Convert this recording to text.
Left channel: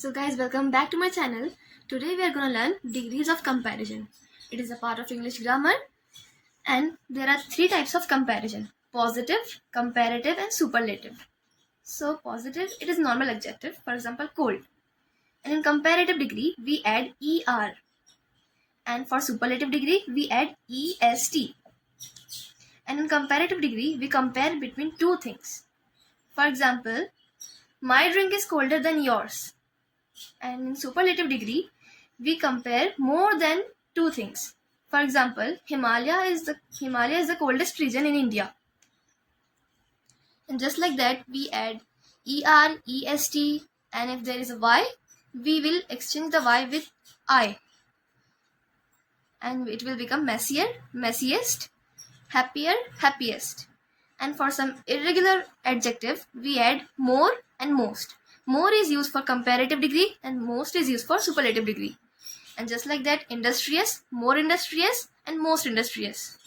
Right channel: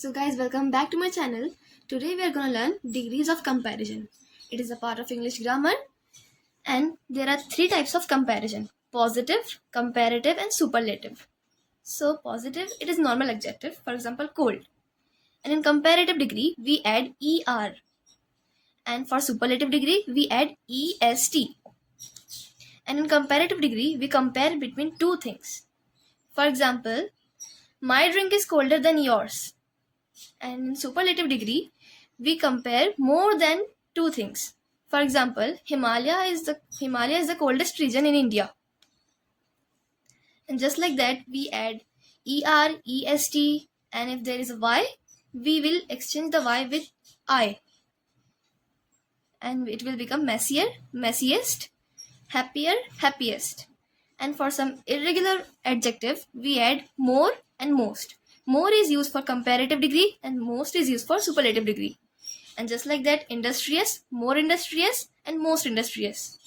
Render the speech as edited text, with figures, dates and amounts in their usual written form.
So guys, welcome back to my channel. Today we are going to learn degrees of comparison. It is a part of English grammar and there are three types of comparison: positive, comparative and superlative. So positive, it is normal adjective, for example cold. And in comparative degree we add er, and for superlative degree we add est. And in comparative degree we compare between two things. For example, my drink is colder than yours. And in superlative degree, we compare more than two things. For example, Himalaya is the coldest region in India. And just like that, we add er, est, and if there is a y, we will exchange the y with I, and it will become messier, messiest, happier, happiest. And for some irregular adjective, we add more and most. More is used for comparative degree and most is used for superlative degree. And just like that, industrious, more industrious and most industrious.